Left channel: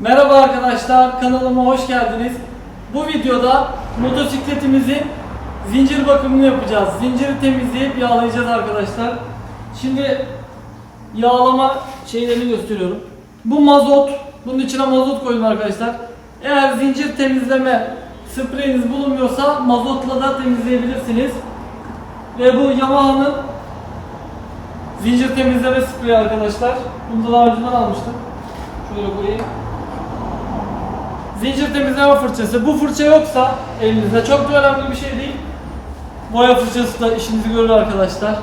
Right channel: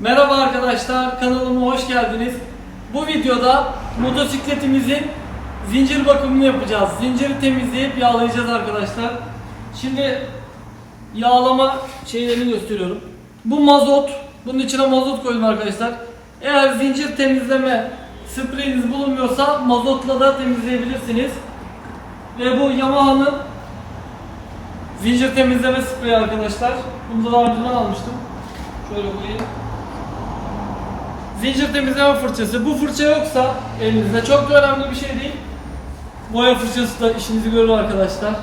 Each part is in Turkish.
Merhaba arkadaşlar, kanalıma hoş geldiniz. Bu videoda motosikletimizin zincir bakımını yapacağız. Zinciri temizleyip yağlayacağız arkadaşlar. Şimdi yağlama şeylerini gösteriyorum. Bu mazot, bunun içine mazot koydum arkadaşlar. Eğer zincir temizleme spreyiniz bulunmuyorsa mazotla da temizleyebilirsiniz. Ve bu Yamaha'nın zincir temizleme spreyi arkadaşlar. Bunu da daha önceden almıştım. Şöyle koyayım. Zincir temizleme fırçası. Bu fırça yoksa elinizde çok da önemli bir şey değil. Boya fırçası da işinizi görür arkadaşlar.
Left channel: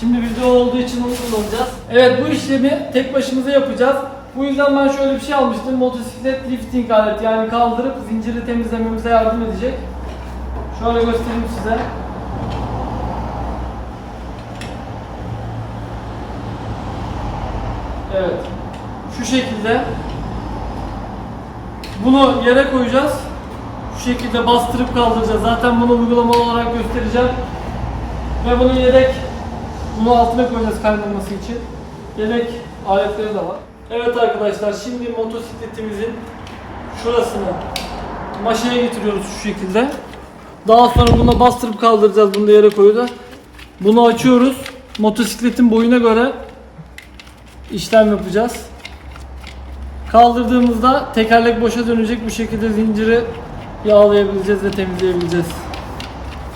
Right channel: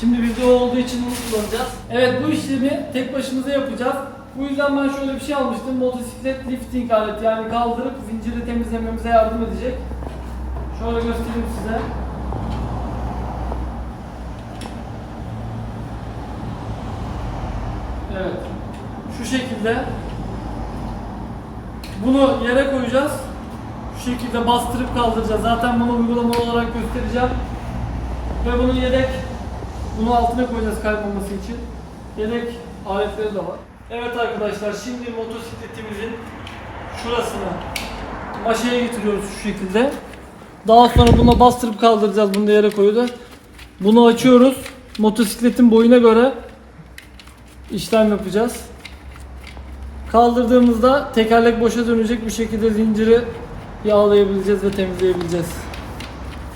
Şimdi video olduğu için onu kullanacağız. Evet bu işlemi tek başımıza yapacağız. Bu yüzden ben şöyle bir şey almıştım. Motosiklet lifting aleti yani kaldırıp zinciri temizlememize yardım edecek. Şöyle göstereyim size. Evet. Şu şekilde bunu yere koyacağız. Şu şekilde bastırıp kaldıracağız. Zaten bunu uygulamalı olarak göstereceğim. Ve bunun yedek bunu altına koyacağız kaymaması için. Yedek aletleri de var. Evet arkadaşlar şimdi motosikletimizin şurasını maşaya getiriyoruz şu şekilde. Daha sonra buna bastırıp kaldıracağız. Bunu da yere koyacağız. Bunu açıyoruz. Motosikletin boyuna göre işlem yapacağız. Kaldırdığımızda tekerlek boşa dönecek bir şekilde zinciri yağlayabileceğiz ve temizleyebileceğiz.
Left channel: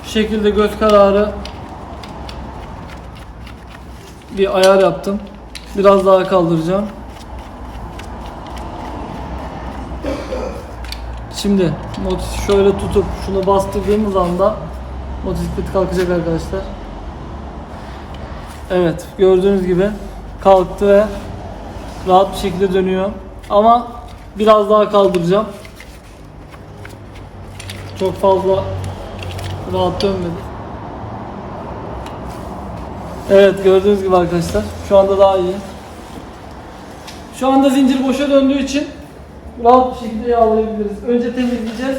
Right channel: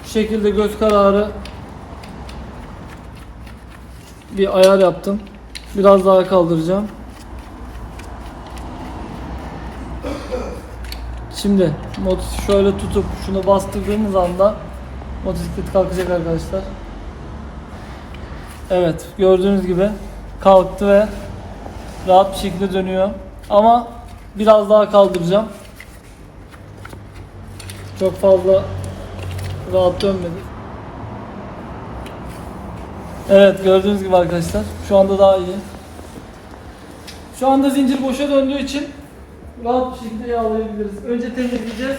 Bu şekilde göz kararı bir ayar yaptım. Biraz daha kaldıracağım. Şimdi motosiklet şöyle tutup şunu bastırdığımız anda motosiklet kalkacak arkadaşlar. Evet gördüğünüz gibi kalktı ve rahat bir şekilde dönüyor. Ama biraz daha kaldıracağım. Çok fazla rahat dönmedi. Evet gördüğünüz gibi arkadaşlar. Şu anda daha iyi. Şu anda zincir boşa döndüğü için rahat bir şekilde yağlayabiliriz. Önce temizleyeceğiz.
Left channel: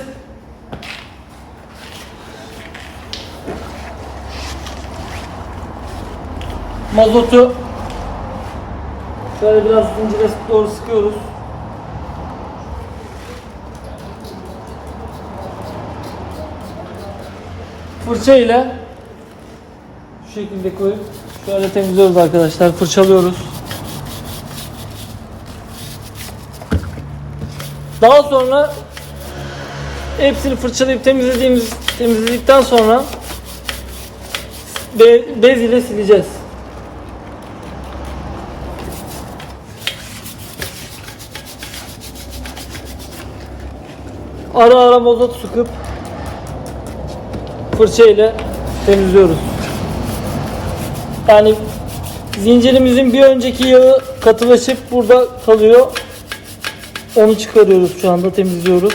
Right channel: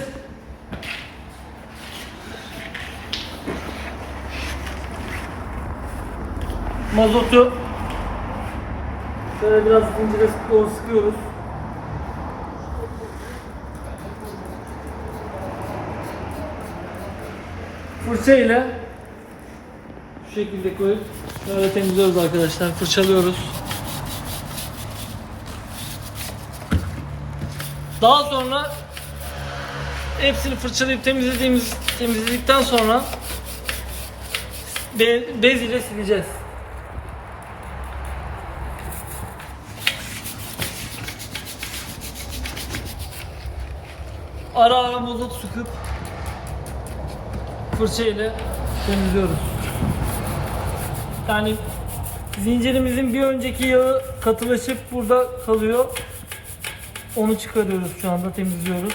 Mazotu şöyle biraz zincire doğru sıkıyoruz. Fırça ile şu şekilde koyup şöyle temizliyoruz arkadaşlar. Fırçalıyoruz. Daha sonra hepsini fırçalayıp temizlediğimiz temizledikten sonra be- bez ile sileceğiz. Ara ara mazot sıkıp fırça ile temizliyoruz. Yani zincirimizin bir önceki yağı katılaşıp burada kalıyor. Onu çıkarıyoruz şu anda temizliyoruz.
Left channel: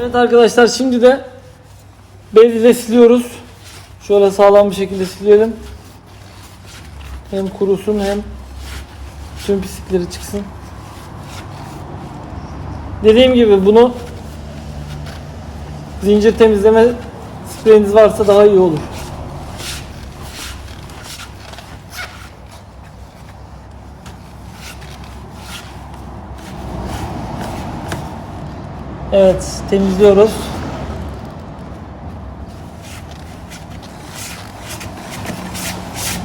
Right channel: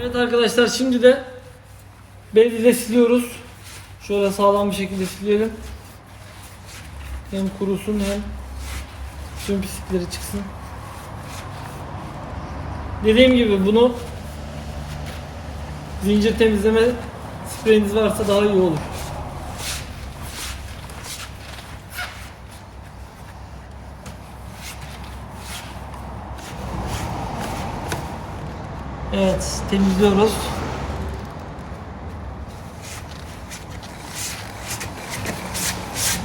Evet arkadaşlar şimdi de bez ile siliyoruz. Şöyle sağlam bir şekilde silelim. Hem kurusun hem tüm pislikleri çıksın. Dediğim gibi bunu zincir temizleme spreyiniz varsa daha iyi olur. Evet temizliyoruz.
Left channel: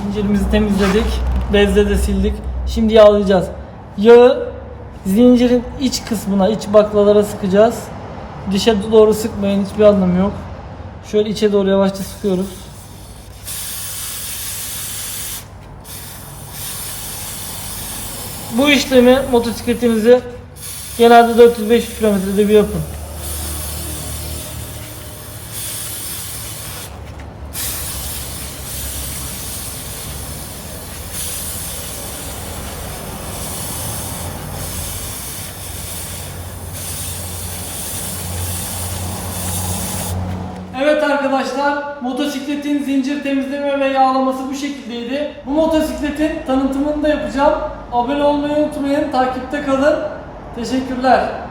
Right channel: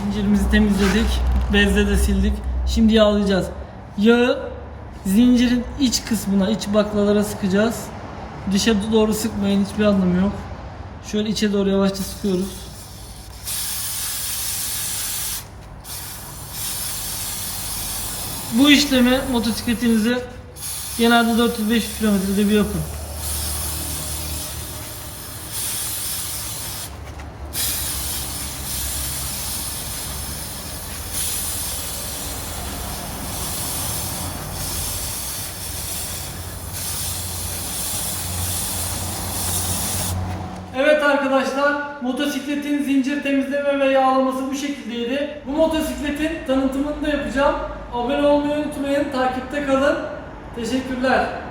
Zincirimizi temizledik. Bezle de sildik. Şimdi yağlayacağız. Yağı zincirin iç kısmına, iç baklalara sıkacağız. Dışa doğru sıkmayın. Hiçbir anlamı yok. Şöyle içe doğru yavaşça sıkıyoruz. Bu işlemi motosikletinizi genelde 400-500 kilometrede bir yapın. Evet arkadaşlar. motosikletin zincir temizleme ve yağlaması bu şekildeydi. Bu motosikletin tanıtımını da yapacağım. Abone olmayı unutmayın. Takipte kalın. Teşekkürler.